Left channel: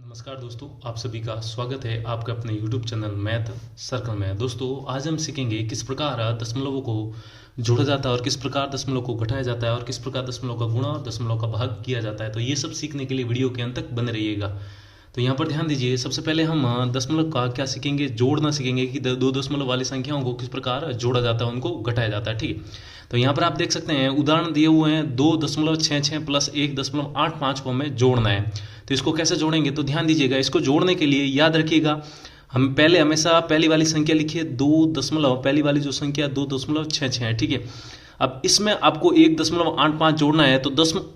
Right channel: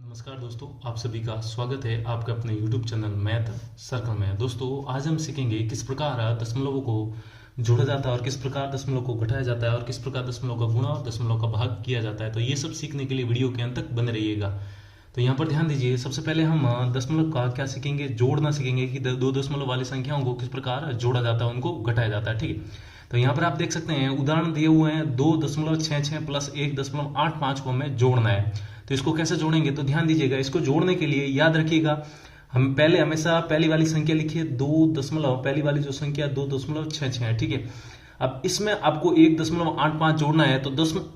नमस्कार दोस्तों, आप सभी का स्वागत है आपके अपने YouTube चैनल मैथ सर्कल में। दोस्तों, आज हम सीखेंगे किस प्रकार दशमलवों को जोड़ा जाता है और किस प्रकार दशमलव को घटाया जाता है और किस प्रकार दशमलव का गुणा और दशमलव का भाग किया जाता है। तो ये सब सीखने के लिए वीडियो के अंत तक बने रहिएगा। तो यहाँ पर ध्यान दीजिए, सबसे पहले हम दशमलव का क्या सीखेंगे, जोड़ना सीखेंगे कि दो दशमलव वाली संख्याओं को किस प्रकार जोड़ा जाता है, उनको घटाया जाता है। ठीक है, तो यहाँ पर आप देख सकते हैं उदाहरण दिए हुए हैं 2.66 प्लस 1.85 को हमें जोड़ना है। तो इसको कैसे जोड़ेंगे, तो ध्यान दीजिएगा। इसको जोड़ने के लिए याद रखिएगा, हम पहले हमेशा पहली वाली संख्या लिखिए 2 पहली वाली जो संख्या 2.66 है। ठीक है, अब इसमें आपको 1.85 जोड़ना है। तो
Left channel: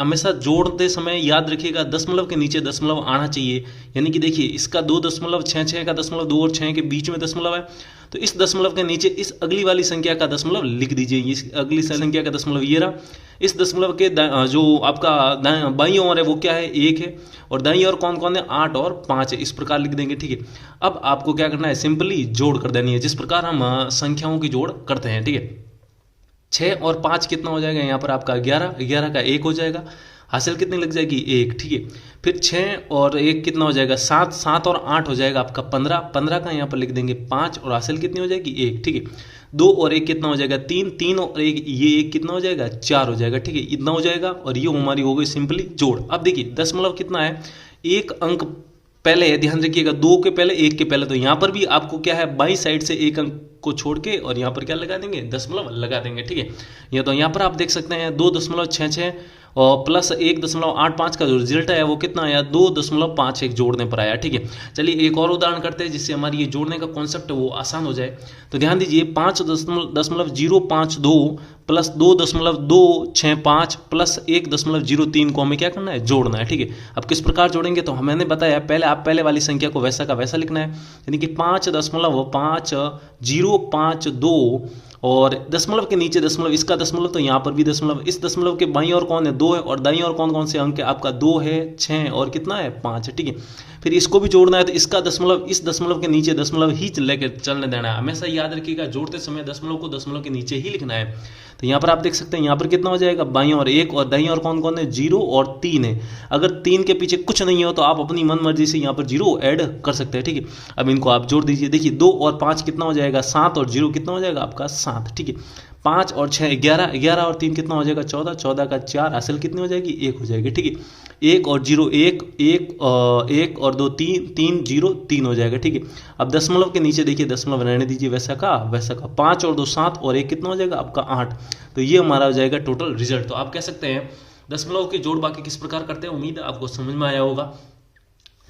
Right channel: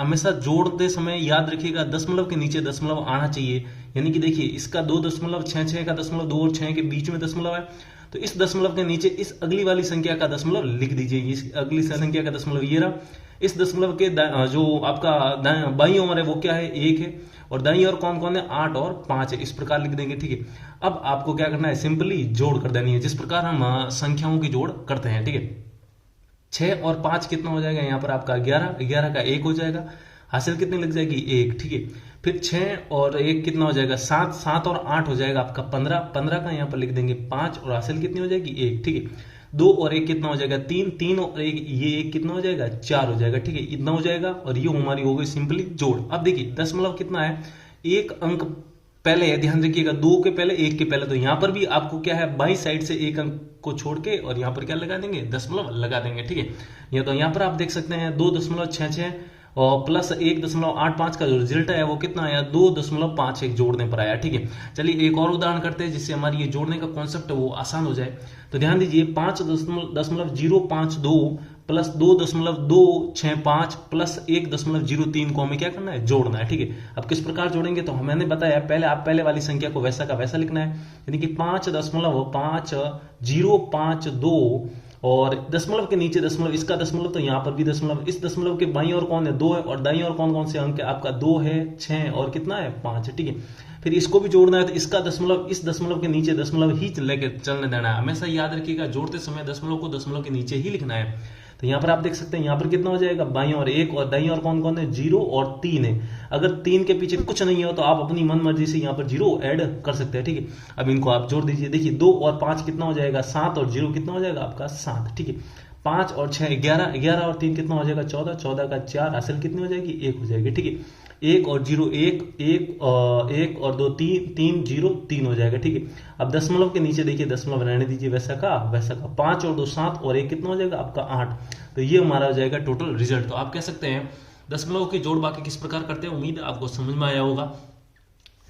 हमेशा जोड़ते समय याद रखिएगा दशमलव के नीचे दशमलव आना चाहिए। यानी कि देखिए, इसका 2.66 का दशमलव 2 और 6 के बीच में दशमलव है, तो इस दशमलव के नीचे इस अगली वाली संख्या का दशमलव लिख दीजिए। इस अगली संख्या का दशमलव ये रहा। इस दशमलव के जो आपका बाईं ओर है वो क्या है, 1 है, और दाईं ओर कौन कौन है, 8 और 5 है। इस प्रकार लिख देंगे। ठीक है, अब आपको क्या करना है, सिंपली जोड़ कर देनी है, जिस प्रकार हम संख्याओं की जोड़ करते हैं। ठीक है, 6 और 5 कितना हो जाएगा, यहाँ पर आपका 11, 11 का 1 हो जाएगा, हासिल कितनी लग जाएगी, 1। ठीक है, फिर 6 और 1 कितना हो जाएगा, 7, 7 और 8 हो जाएगा आपका 15, 15 का यहाँ पर लिख देंगे 5, और हासिल कितनी हो जाएगी, 1। ठीक है, 2 और 1 कितना हो जाएगा, 3, 3 और 1 ये 1 कितना हो जाएगा, 4 हो जाएगा। ठीक है, इतना हो जाएगा, और ये हमारी हो गई सिंपली जोड़। अब देखिए दशमलव कितना है, एक अंक पहले है, ध्यान रखिएगा, 2 के पहले 1 के पहले। तो यहाँ पर भी आपको क्या है, बाई साइड से एक अंक को छोड़ के और यहाँ पर क्या लगा देंगे, दशमलव लगा देंगे। ठीक है, ये तो यहाँ पर आप देख सकते हैं 2.66 और प्लस 1.85 का जो रिजल्ट है वो कितना आया, 2.51 जोड़ने पर आया। ठीक है, चलिए एक और उदाहरण करते हैं जिससे हमारी ये जोड़ने का कॉन्सेप्ट है वो आसान हो जाए। तो ध्यान दीजिए 5.052 प्लस 2.265 प्लस 1.03 को हमें क्या करना है, जोड़ना है। ठीक है, अब किस प्रकार जोड़ेंगे, तो मैंने बताया पहले आप पहले वाली संख्या को वैसा का वैसा लिखना है, यानी कि 5.5052 और दशमलव के नीचे दशमलव, इसका दशमलव, तो यहाँ पर भी दशमलव। इस दशमलव के बाईं ओर कौन है, 2 है, और दाईं ओर कौन कौन से अंक है, आपका 2 है, 6 और कितना है, 5 है। ठीक है, फिर इसको भी जोड़ना है, तो इसका दशमलव, इस दशमलव के नीचे दशमलव ही लेकर चलने देना है। हमेशा याद रखिएगा जोड़ते समय दशमलव को दशमलव के नीचे ही लिखना है। तो यहाँ पर आप देख सकते हैं, यहाँ पर कितना हो जाएगा, बाईं ओर 1 और दाईं ओर कौन कौन है, 0 और 3 है। अगर 3 के पीछे कुछ नहीं हो तो आप अपनी मन मर्जी से यहाँ पर 0 ऐड कर सकते हैं। ठीक है, अब इनको आप जोड़ दीजिए। देखिए 2 और 5 कितना हो जाएगा, 7, और 0 कितना हो जाएगा आपका 7। ठीक है, 5 और 6 11, 11 और 3 कितना हो जाएगा, 14, 14 का 4, हासिल कितनी हो जाएगी, 1 हो जाएगी। ठीक है, 1 और 0 1, 1 और 2 3, 3 0 3 हो जाएगा। ठीक है, अब दशमलव के नीचे देखिए दशमलव रहने दीजिए वैसा का वैसा का, 5 और 2 7 और 1 कितना हो जाएगा आपका 8। तो ये हमारा हो जाएगा टोटल रिजल्ट। तो आप कह सकते हैं दशमलव की जोड़ बाकी किस प्रकार करते हैं, उम्मीद है आपको समझ में आया होगा।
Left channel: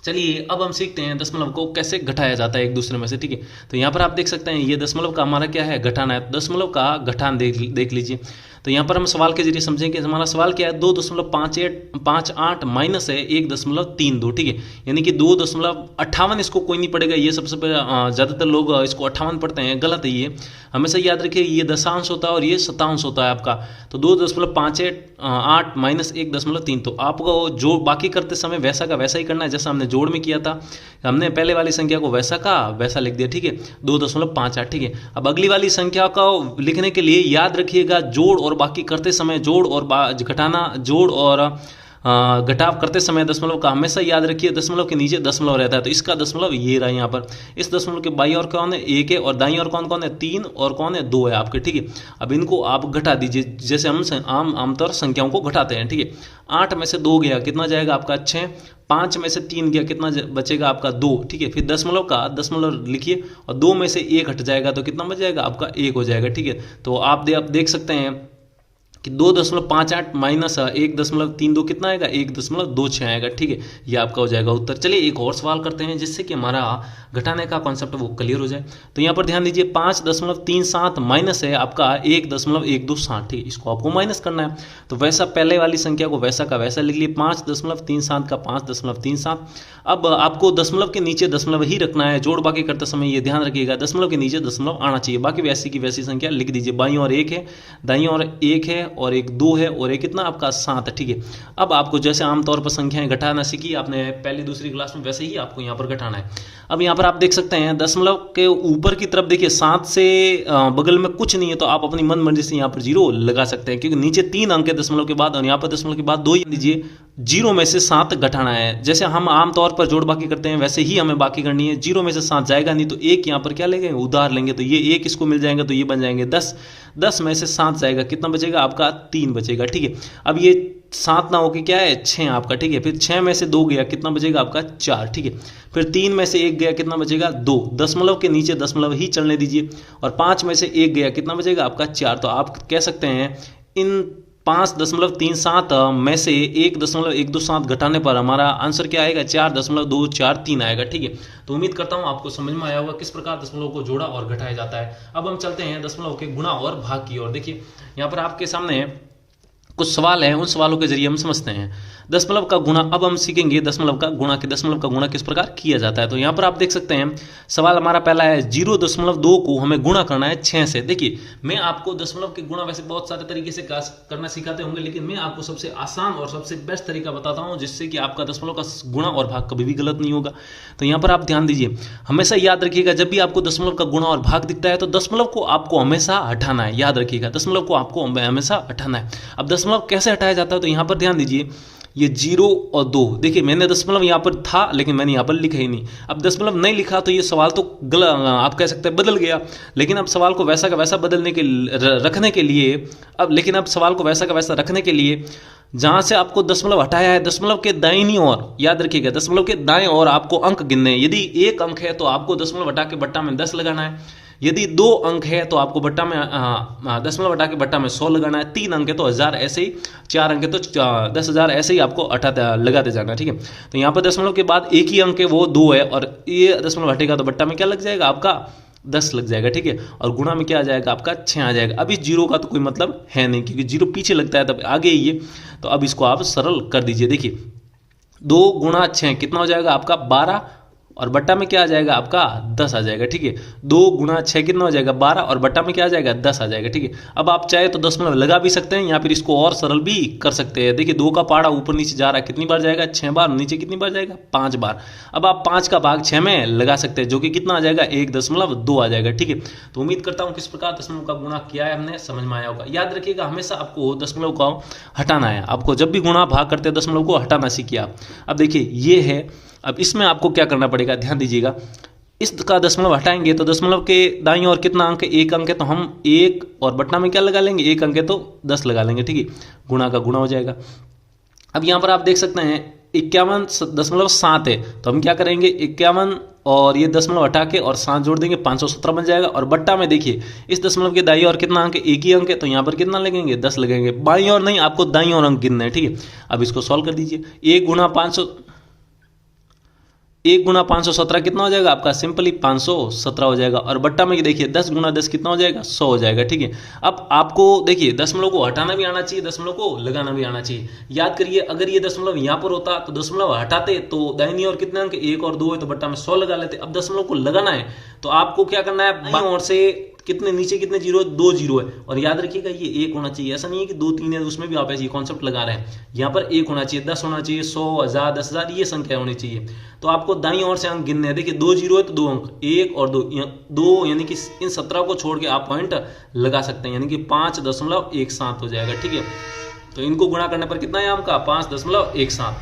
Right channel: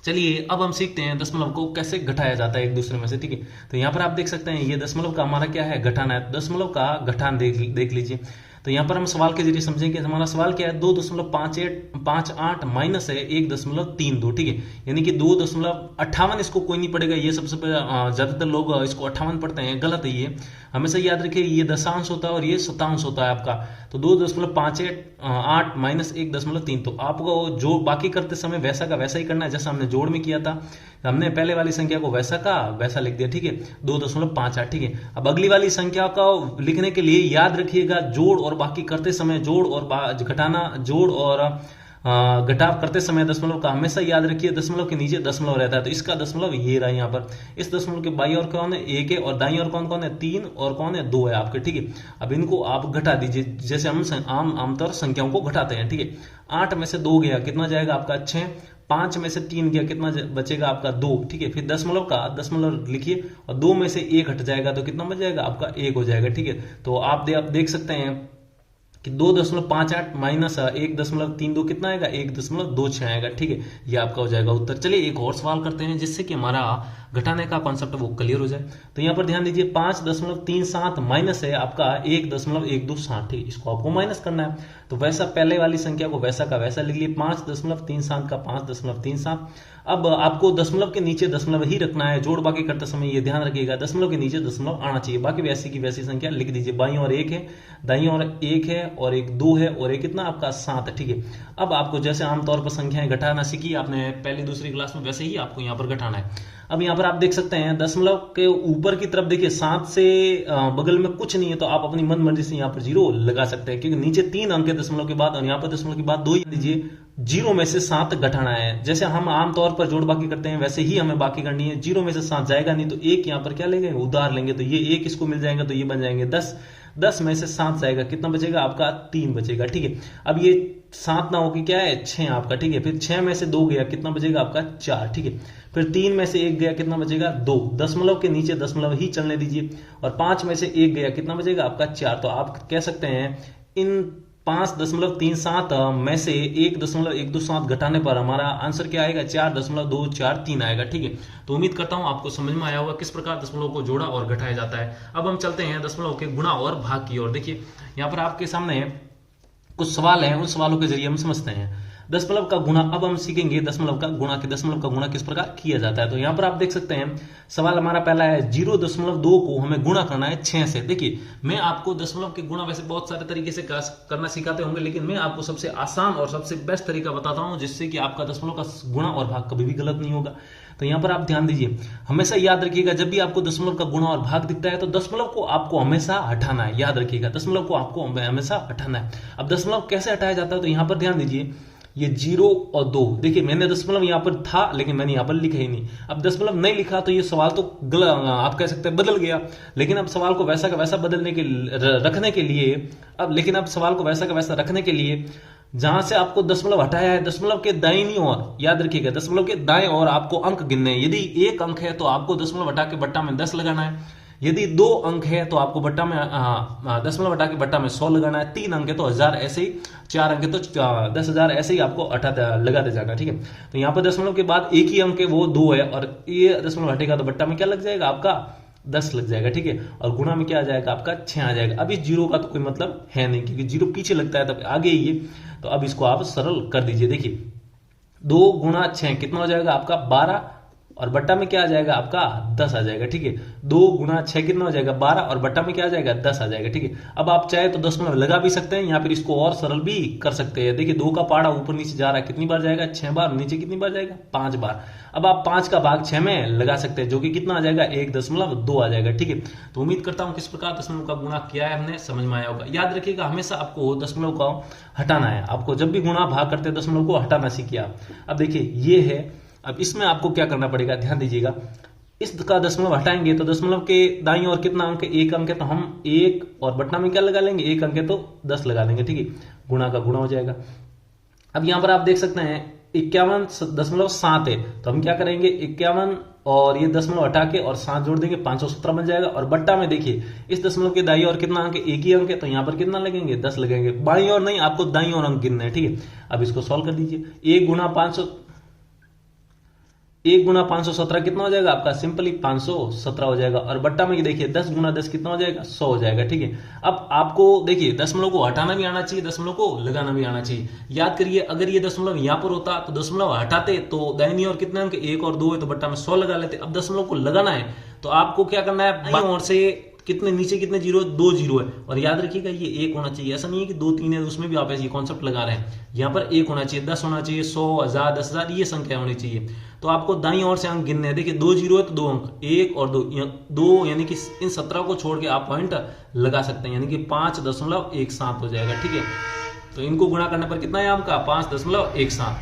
चलिए अब हम सीखते हैं दशमलव को कैसे घटाया जाता है एक दूसरे में से। ठीक है, तो यहाँ पर आप देख सकते हैं ये दशमलव का हमारा क्या है, घटाना है। दशमलव का घटान देख लीजिए। तो यहाँ पर हम सवाल के जरिए समझेंगे। हमारा सवाल क्या है, 2.58 माइनस है 1.32। ठीक है, यानी कि 2.58, इसको कोई नहीं पढ़ेगा, ये सबसे ज़्यादातर लोग इसको 58 पढ़ते हैं, गलत है ये। हमेशा याद रखिए ये दशांश होता है और ये शतांश होता है आपका। तो 2.58 माइनस 1.3। तो आपको जो बाकी करते समय वैसा का वैसा ही करना है जैसा हमने जोड़ में किया था। हमने पहले वाली संख्या को वैसा का वैसा लिख दिया। ठीक है, 2.58। ठीक है, अब अगली वाली संख्या को लिखने के लिए याद रखिएगा जोड़ और बाकी करते समय, जोड़ और घटाना, जोड़ और घटाव करते समय दशमलव का हमेशा याद रखिए दशमलव के नीचे दशमलव रहता है। तो इसका दशमलव ये रहा यहाँ पर। इस दशमलव के बाईं ओर कौन है, 1 है, और दाईं ओर कौन कौन है, 3 और कौन है, 2 है आपके। ठीक है, अब इनको आप घटा दीजिए जैसे हम आमतौर संख्याओं को घटाते हैं। ठीक है, 8 में से 2 गया कितना जाएगा आपका 6, 5 में से 3 गया कितना बचेगा आपका 2। ठीक है, फिर दशमलव का दशमलव लिखिए और 2 में से 1 हट जाएगा तो कितना बच जाएगा आपका 1 हो जाएगा। ठीक है, तो आप देख सकते हैं कि 2.58 माइनस 1.32 कितना आएगा, 1.26 आएगा। ठीक है, ये आपका हो जाएगा उत्तर। चलिए एक और सवाल करते हैं जिससे कि हमारा घटाने का कॉन्सेप्ट वो क्लियर हो जाए। तो यहाँ पर ध्यान दीजिए 5.37 माइनस है आपका 1.127। ठीक है, इसको आपको माइनस करना है। तो वैसा पहले वाली संख्या को वैसा का वैसा लिख लिए, 5.37 का 5.37। अब आपको दशमलव के नीचे दशमलव ही रखना है, जोड़ बाकी करते समय ये ध्यान रखिएगा दशमलव के नीचे दशमलव आना चाहिए। बाकी वैसी की वैसी संख्या लिख दीजिए। बाईं ओर 1 है, दाईं ओर 1 है, और एक 2 है और एक कितना आपका 7 है। ठीक है, अब आपको जैसे आमतौर पर संख्याएं घटाना सीखी आपने पहली दूसरी क्लास में, वैसे ही आपको यहाँ पर घटाना है। अब यहाँ पर आप देख सकते हैं दशमलव के ऊपर की तरफ देखिए 7 से बगल में कुछ नहीं है, तो आप अपनी मन मर्जी से यहाँ पर 0 लगा सकते हैं, क्योंकि नीचे 3 अंक है दशमलव के बाद और यहाँ पर दशमलव के बाद 2 ही लीजिए। 0 में से 7 घटाना है, जैसे हम आमतौर पर जोड़ बाकी करते हैं वैसे ही हमें बाकी करनी है। 0 में से 7 जाएगा नहीं, तो 1 यहाँ पर क्या लेंगे, उधार लेंगे, तो ये 1 इसको मिल जाएगा, तो ये बन जाएंगे 10। 10 में से 7 जाएगा, कितना बचेगा आपका 3 बचेगा। ठीक है, अब ये 7 ना होके क्या है 6 आपका। ठीक है, फिर 6 में से 2 गया, कितना बचेगा आपका 4। ठीक है, फिर 3 में से 1 गया, कितना बचेगा 2। दशमलव के नीचे दशमलव ही चलने दीजिए, और 5 में से 1 गया, कितना बचेगा आपका 4। तो आप कह सकते हैं इन 5.37 में से 1.127 घटाने पर हमारा आंसर क्या आएगा, 4.243 आएगा। ठीक है, तो उम्मीद करता हूं आपको समझ में आया होगा किस प्रकार दशमलव को जोड़ा और घटाया जाता है। अब हम चलते हैं दशमलव के गुणा और भाग की ओर। देखिए यहाँ पर आपके सामने कुछ सवाल हैं, उन सवालों के जरिए हम समझते हैं दशमलव का गुणा। अब हम सीखेंगे दशमलव का गुणा किस प्रकार किया जाता है। तो यहाँ पर आप देख सकते हैं सवाल हमारा पहला है 0.2 को हमें गुणा करना है 6 से। देखिए मैं आपको दशमलव के गुणा वैसे बहुत सारे तरीके से करना सिखाते होंगे, लेकिन मैं आपको सबसे आसान और सबसे बेस्ट तरीका बताता हूँ, जिससे कि आपका दशमलव का गुणा और भाग कभी भी गलत नहीं होगा। तो यहाँ पर आप ध्यान दीजिए, हमेशा याद रखिएगा जब भी आपको दशमलव का गुणा और भाग दिखता है तो दशमलव को आपको हमेशा हटाना है। याद रखिएगा दशमलव को आपको हमेशा हटाना है। अब दशमलव कैसे हटाया जाता है, तो यहाँ पर ध्यान दीजिए, ये 0 और 2, देखिए मैंने दशमलव यहाँ पर था लेकिन मैंने यहाँ पर लिखा ही नहीं। अब दशमलव नहीं लिखा तो ये सवाल तो आप कह सकते हैं बदल गया, लेकिन अब सवाल को वैसा का वैसा रखने के लिए जहां से आपको दशमलव हटाया है, दशमलव के दाहिनी ओर, याद रखिएगा दशमलव के दाएं ओर आपको अंक गिनने हैं। यदि 1 अंक है तो आपको दशमलव हटा के बट्टा में 10 लगाना है। यदि 2 अंक है तो आपको बट्टा में दशमलव हटा के बट्टा में 100 लगाना है। 3 अंक है तो 1000 ऐसे ही, 4 अंक है तो 10,000 ऐसे ही आपको लगाते जाना। ठीक है, तो यहाँ पर दशमलव के बाद एक ही अंक है वो 2 है, और ये दशमलव हटेगा तो बट्टा में क्या लग जाएगा आपका 10 लग जाएगा। ठीक है, और गुणा में क्या आ जाएगा आपका 6 आ जाएगा। अब इस 0 का तो कोई मतलब है नहीं, क्योंकि 0 पीछे लगता है तब आगे ही ये, तो अब इसको आप सरल कर दीजिए। देखिए 2 गुणा 6 कितना हो जाएगा आपका 12, और बट्टा में क्या आ जाएगा आपका 10 आ जाएगा। ठीक है, 2 गुणा 6 कितना हो जाएगा 12, और बट्टा में क्या आ जाएगा 10 आ जाएगा। ठीक है, अब आप चाहे तो दशमलव लगा भी सकते हैं, या फिर इसको और सरल भी कर सकते हैं। देखिए 2 का पहाड़ा ऊपर नीचे जा रहा है, कितनी बार जाएगा 6 बार, नीचे कितनी बार जाएगा 5 बार। अब आप 5 का भाग 6 में लगा सकते हैं, जो कि कितना आ जाएगा 1.2 आ जाएगा। ठीक है, तो उम्मीद करता हूं किस प्रकार दशमलव का गुणा किया है हमने समझ में आया होगा। याद रखिएगा हमेशा आपको दशमलव को हटाना है, आपको जब भी गुणा भाग करते हैं दशमलव को हटाना सीखिए आप। अब देखिए ये है, अब इसमें आपको क्या करना पड़ेगा, ध्यान दीजिएगा, इसका दशमलव हटाएंगे तो दशमलव के दाईं ओर कितना अंक है 1 अंक है, तो हम 1 और बट्टा में क्या लगा लेंगे 1 अंक है तो 10 लगा लेंगे। ठीक है, गुणा का गुणा हो जाएगा। अब यहां पर आप देख सकते हैं 51.7 है, तो हम क्या करेंगे 51 और ये दशमलव हटा के और 7 जोड़ देंगे 517 बन जाएगा। और बट्टा में देखिए इस दशमलव के दाईं ओर कितना अंक है 1 ही अंक है, तो यहाँ पर कितना लगेंगे 10 लगेंगे। बाईं ओर नहीं, आपको दाईं ओर अंक गिनना है। ठीक है, अब इसको सॉल्व कर दीजिए। 1 गुणा 517 कितना हो जाएगा आपका, सिंपली 517 हो जाएगा। और बट्टा में देखिए 10 गुणा 10 कितना हो जाएगा 100 हो जाएगा। ठीक है, अब आपको देखिए दशमलव को हटाना भी आना चाहिए, दशमलव को लगाना भी आना चाहिए। याद करिए अगर ये दशमलव यहाँ पर होता तो दशमलव हटाते तो दाहिनी ओर कितने अंक 1 और 2 है, तो बट्टा में 100 लगा लेते। अब दशमलव को लगाना है तो आपको क्या करना है, बाईं ओर से कितने नीचे कितने 0, 2 0 है, और याद रखिएगा ये 1 होना चाहिए। ऐसा नहीं है कि 2 3 है उसमें भी आप ऐसे कॉन्सेप्ट लगा रहे हैं। यहाँ पर 1 होना चाहिए, 10 होना चाहिए, 100 1000 10,000 ये संख्या होनी चाहिए। तो आपको दाईं ओर से अंक गिनने हैं। देखिए 2 0 है तो 2 अंक, 1 और 2 यानी कि इन 17 को छोड़ के आप पॉइंट लगा सकते हैं, यानी कि 5.17 हो जाएगा। ठीक है, तो इनको गुणा करने पर कितना है आपका 5.17।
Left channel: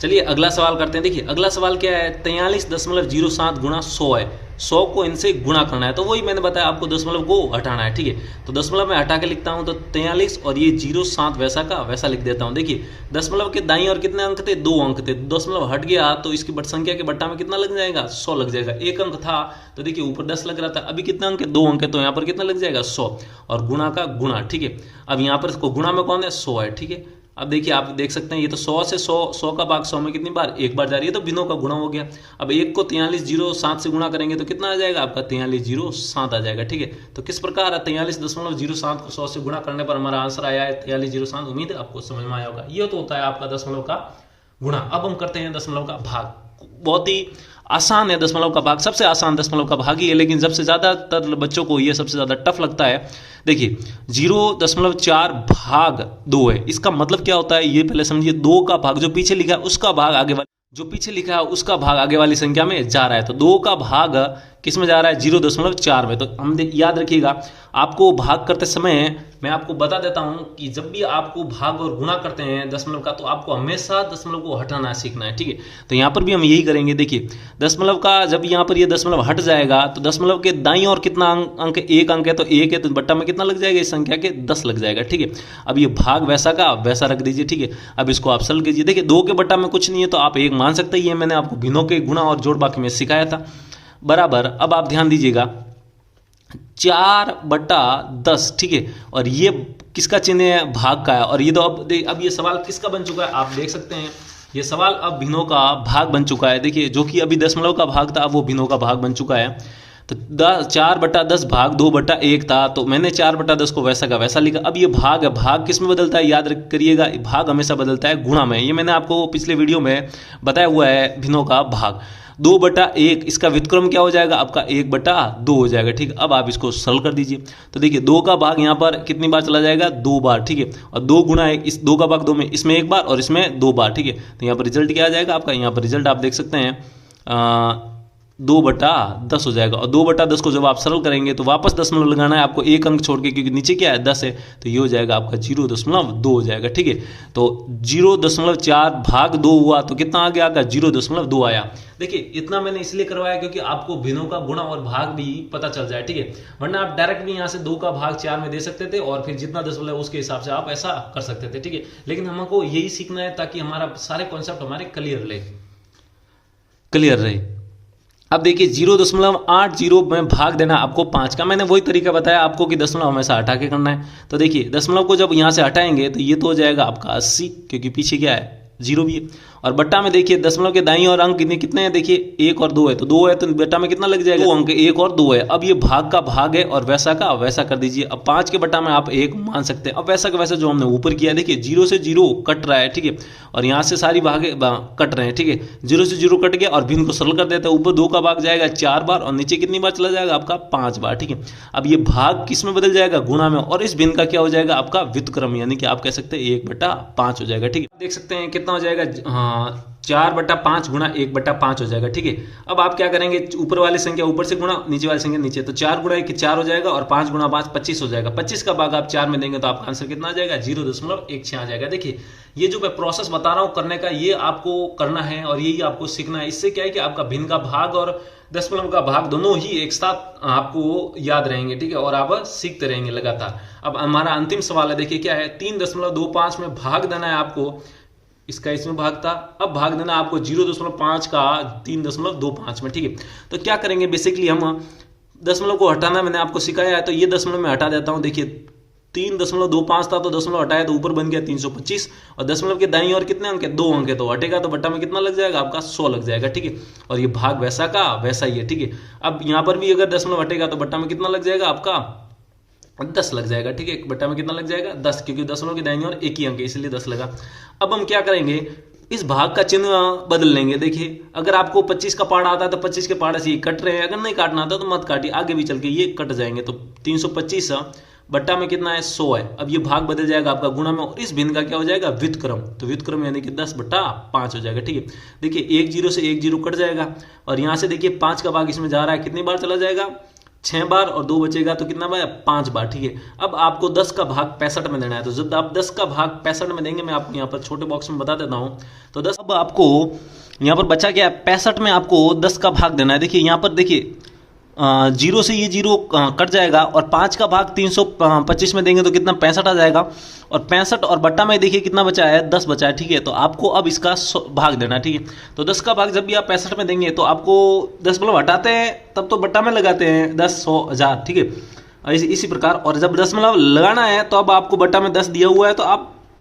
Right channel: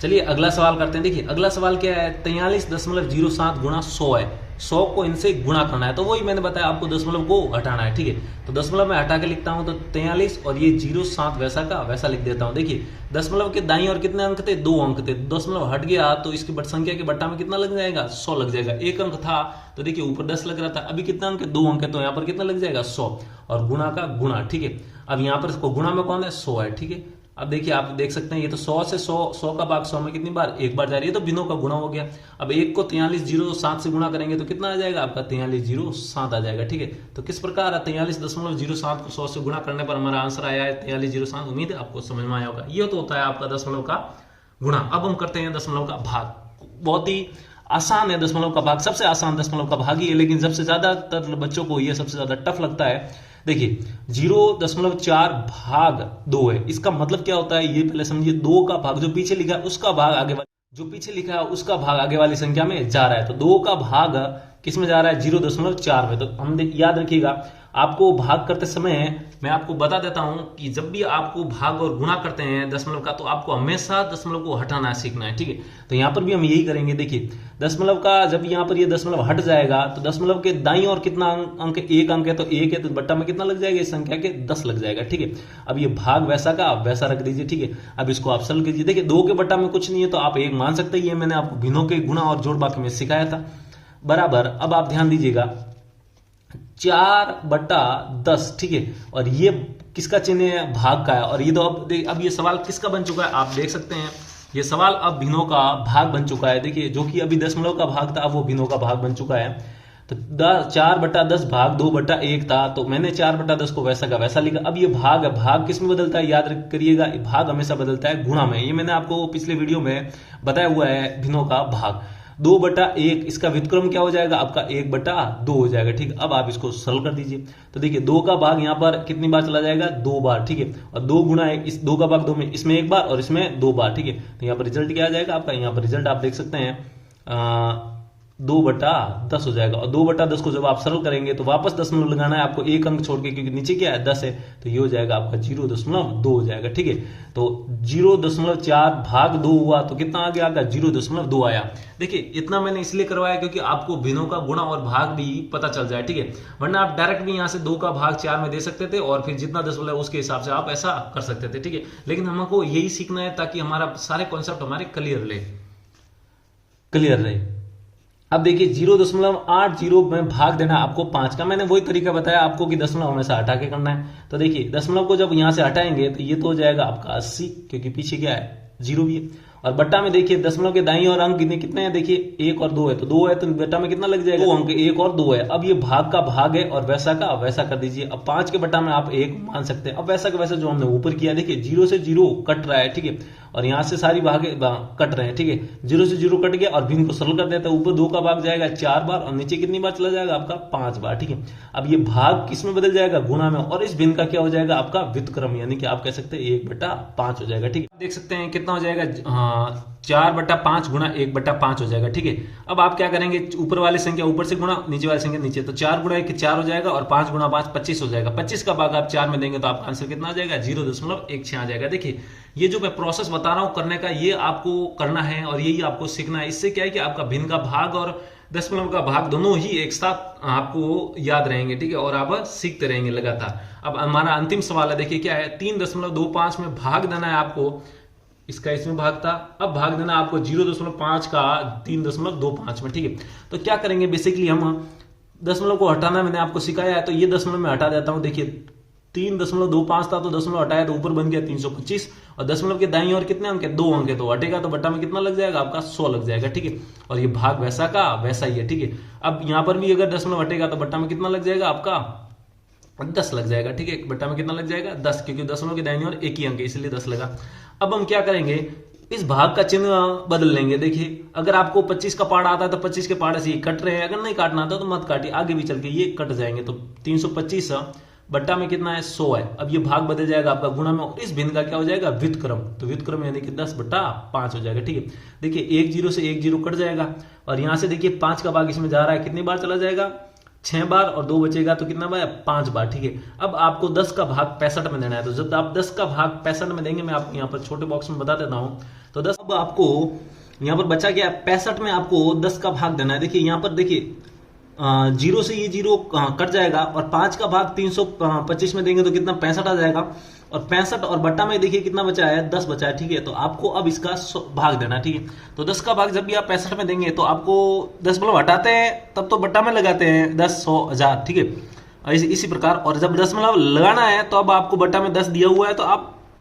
चलिए अगला सवाल करते हैं। देखिए अगला सवाल क्या है, 43.07 गुणा 100 है। 100 को इनसे गुणा करना है, तो वही मैंने बताया आपको दशमलव को हटाना है। ठीक है, तो दशमलव में हटा के लिखता हूं तो 43 और ये 07 वैसा का वैसा लिख देता हूं। देखिए दशमलव के दाईं और कितने अंक थे 2 अंक थे, दशमलव हट गया तो इसकी बट संख्या के बट्टा में कितना लग जाएगा 100 लग जाएगा। 1 अंक था तो देखिए ऊपर 10 लग रहा था, अभी कितना अंक है 2 अंक है, तो यहाँ पर कितना लग जाएगा 100 और गुणा का गुणा। ठीक है, अब यहाँ पर गुणा में कौन है 100 है। ठीक है, अब देखिए आप देख सकते हैं ये तो 100 से 100 का भाग 100 में कितनी बार एक बार जा रही है, तो बिनों का गुणा हो गया। अब 1 को 43.07 से गुणा करेंगे तो कितना आ जाएगा आपका 43.07 आ जाएगा। ठीक है, तो किस प्रकार 43.07 को 100 से गुणा करने पर हमारा आंसर आया है 43.07। उम्मीद है आपको समझ में आया होगा। ये तो होता है आपका दशमलव का गुणा। अब हम करते हैं दशमलव का भाग। बहुत ही आसान है दशमलव का भाग, सबसे आसान दशमलव का भाग ही है, लेकिन सबसे ज्यादातर बच्चों को ये सबसे ज्यादा टफ लगता है देखिए 0.4 भाग 2 है, इसका मतलब क्या होता है ये पहले समझिए। 2 का भाग जो पीछे लिखा है उसका भाग आगे वाली, जो पीछे लिखा है उसका भाग आगे वाली संख्या में जा रहा है। तो 2 का भाग किस में जा रहा है? 0.4 में। तो हम याद रखिएगा, आपको भाग करते समय मैं आपको बता देता हूं कि जब भी आपको भाग और गुणा करते हैं दशमलव का, तो आपको हमेशा दशमलव को हटाना सीखना है, ठीक है। तो यहाँ पर भी हम यही करेंगे। देखिए दशमलव का जब यहाँ पर ये दशमलव हट जाएगा तो दशमलव के दाईं ओर कितना अंक? 1 अंक है, तो 1 है तो बट्टा में कितना लग जाएगा? इस संख्या के 10 लग जाएगा, ठीक है। अब ये भाग वैसा का वैसा रख दीजिए, ठीक है। अब इसको आप सरल कीजिए। देखिए 2 के बट्टा में कुछ नहीं है तो आप 1 मान सकते हैं, ये मैंने आपको भिन्नों के गुणा और जोड़ बाकी में सिखाया था, बराबर। अब आप ध्यान दीजिएगा 4/10, ठीक है। और ये किसका चिन्ह है? भाग का है। और ये तो अब ये सवाल किसका बन चुका है? आप देख सकते हैं ये सवाल अब भिन्नों का भाग बन चुका है। देखिए जो कि अभी दशमलव का भाग था, अब वो भिन्नों का भाग बन चुका है। तो 4/10 भाग 2/1 था, तो मैंने 4/10 को वैसा का वैसा लिखा। अब ये भाग है, भाग किस में बदलता है? याद करिएगा, भाग हमेशा बदलता है गुणा में। ये मैंने आपको पिछले वीडियो में बताया हुआ है भिन्नों का भाग। 2/1 इसका व्युत्क्रम क्या हो जाएगा? आपका 1/2 हो जाएगा, ठीक है। अब आप इसको सरल कर दीजिए। तो देखिए 2 का भाग यहाँ पर कितनी बार चला जाएगा? 2 बार, ठीक है। और 2 गुणा इस 2 का भाग 2 में, इसमें 1 बार और इसमें 2 बार, ठीक है। तो यहाँ पर रिजल्ट क्या आ जाएगा आपका? यहाँ पर रिजल्ट आप देख सकते हैं 2/10 हो जाएगा। और 2/10 को जब आप सरल करेंगे तो वापस दशमलव लगाना है आपको, 1 अंक छोड़ के, क्योंकि नीचे क्या है? 10 है। तो ये हो जाएगा आपका 0.2 हो जाएगा, ठीक है। तो 0.4 भाग 2 हुआ तो कितना आ गया? 0.2 आया। देखिए इतना मैंने इसलिए करवाया क्योंकि आपको भिन्नों का गुणा और भाग भी पता चल जाए, ठीक है। वरना आप डायरेक्ट भी यहाँ से 2 का भाग 4 में दे सकते थे और फिर जितना दशमलव है उसके हिसाब से आप ऐसा कर सकते थे, ठीक है। लेकिन हमको यही सीखना है ताकि हमारा सारे कॉन्सेप्ट हमारे क्लियर रहे। अब देखिए 0.80 में भाग देना आपको 5 का, मैंने वही तरीका बताया आपको कि दशमलव हमेशा हटा के करना है। तो देखिए दशमलव को जब यहाँ से हटाएंगे तो ये तो हो जाएगा आपका 80, क्योंकि पीछे क्या है? 0 भी है। और बट्टा में देखिए दशमलव के दाईं और अंक कितने हैं? देखिए 1 और 2 है, तो 2 है तो बट्टा में कितना लग जाएगा? 2 अंक, 1 और 2 है। अब ये भाग का भाग है और वैसा का वैसा कर दीजिए। अब 5 के बट्टा में आप 1 मान सकते हैं। अब वैसा का वैसा जो हमने ऊपर किया, देखिए 0 से 0 कट रहा है, ठीक है। और यहाँ से सारी भागे कट रहे हैं, ठीक है। 0 से 0 कट गया और भिन्न को सरल कर देते हैं। ऊपर 2 का भाग जाएगा 4 बार और नीचे कितनी बार चला जाएगा? आपका 5 बार, ठीक है। अब ये भाग किस में बदल जाएगा? गुणा में। और इस भिन्न का क्या हो जाएगा? आपका व्युत्क्रम, यानी कि आप कह सकते हैं 1/5 हो जाएगा, ठीक है। देख सकते हैं कितना हो जाएगा? 4/5 गुणा 1/5 हो जाएगा, ठीक है। अब आप क्या करेंगे? ऊपर वाली संख्या ऊपर से गुणा, नीचे वाली संख्या नीचे। तो 4 गुणा 1 4 हो जाएगा और 5 गुणा 5 25 हो जाएगा। 25 का भाग आप 4 में देंगे तो आपका आंसर कितना आ जाएगा? 0.16 आ जाएगा। देखिए ये जो मैं प्रोसेस बता रहा हूं करने का, ये आपको करना है और यही आपको सीखना है। इससे क्या है कि आपका भिन्न का भाग और दशमलव का भाग दोनों ही एक साथ आपको याद रहेंगे, ठीक है। और आप सीखते रहेंगे लगातार। अब हमारा अंतिम सवाल है, देखिए क्या है? 3.25 में भाग देना है आपको। इसका इसमें भाग था, अब भाग देना आपको 0.5 का 3.25 में, ठीक है। तो क्या करेंगे? बेसिकली हम दशमलव को हटाना मैंने आपको सिखाया है, तो ये दशमलव में हटा देता हूं। देखिए 3.25 था तो दशमलव हटाया तो ऊपर बन गया 325 और दशमलव के दाईं ओर कितने अंक है? 2 अंक है, तो हटेगा तो बट्टा में कितना लग जाएगा? आपका 100 लग जाएगा, ठीक है। और ये भाग वैसा का वैसा ही है, ठीक है। अब यहां पर भी अगर दशमलव हटेगा तो बट्टा में कितना लग जाएगा? आपका 10 लग जाएगा, ठीक है। बट्टा में कितना लग जाएगा? 10, क्योंकि दशमलव के दाईं ओर एक ही अंक है इसलिए 10 लगा। अब हम क्या करेंगे? इस भाग का चिन्ह बदल लेंगे। देखिए अगर आपको 25 का पार्ट आता है तो 25 के पार्ट से ये कट रहे हैं, अगर नहीं काटना आता तो मत काटिए, आगे भी चल के ये कट जाएंगे। तो 325 बट्टा में कितना है? 100 है। अब ये भाग बदल जाएगा आपका गुणा में और इस भिन्न का क्या हो जाएगा? व्युत्क्रम। तो व्युत्क्रम यानी कि 10/5 हो जाएगा, ठीक है। देखिए 1 0 से 1 0 कट जाएगा और यहां से देखिए 5 का भाग इसमें जा रहा है, कितनी बार चला जाएगा? 6 बार और 2 बचेगा तो कितना बार? 5 बार, ठीक है। अब आपको 10 का भाग 65 में देना है, तो जब आप 10 का भाग 65 में देंगे, मैं आपको यहाँ पर छोटे बॉक्स में बता देता हूँ। तो 10 अब आपको यहाँ पर बचा क्या? 65 में आपको 10 का भाग देना है। देखिए यहाँ पर देखिए 0 से ये 0 कट जाएगा और 5 का भाग 325 में देंगे तो कितना? 65 आ जाएगा। और 65 और बट्टा में देखिए कितना बचा है? 10 बचा है, ठीक है। तो आपको अब इसका भाग देना, ठीक है। तो 10 का भाग जब भी आप 65 में देंगे तो आपको दशमलव हटाते हैं तब तो बट्टा में लगाते हैं 10 100 1000, ठीक है। इसी प्रकार और जब दशमलव लगाना है तो अब आपको बट्टा में 10 दिया हुआ है तो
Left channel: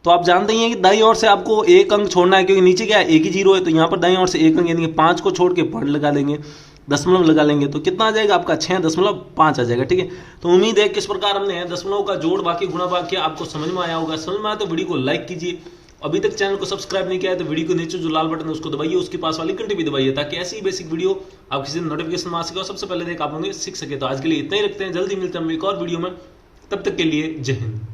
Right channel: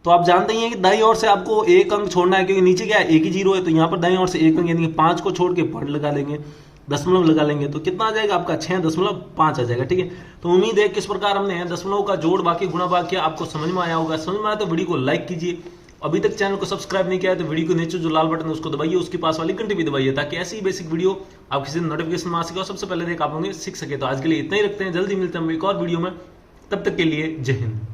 आप जानते ही हैं कि दाईं ओर से आपको 1 अंक छोड़ना है, क्योंकि नीचे क्या है? 1 ही 0 है। तो यहाँ पर दाईं ओर से 1 अंक यानी कि 5 को छोड़ के पढ़ लगा देंगे, दशमलव लगा लेंगे तो कितना आ जाएगा? आपका 6.5 आ जाएगा, ठीक है। तो उम्मीद है किस प्रकार हमने दशमलव का जोड़ बाकी गुणा भाग किया आपको समझ में आया होगा। समझ में आया तो वीडियो को लाइक कीजिए। अभी तक चैनल को सब्सक्राइब नहीं किया है तो वीडियो को नीचे जो लाल बटन है उसको दबाइए, उसके पास वाली घंटी भी दबाइए ताकि ऐसी ही बेसिक वीडियो आप किसी नोटिफिकेशन आ सके और सबसे पहले देख आप लोग सीख सके। तो आज के लिए इतना ही रखते हैं, जल्दी मिलते हैं हम एक और वीडियो में। तब तक के लिए जय हिंद।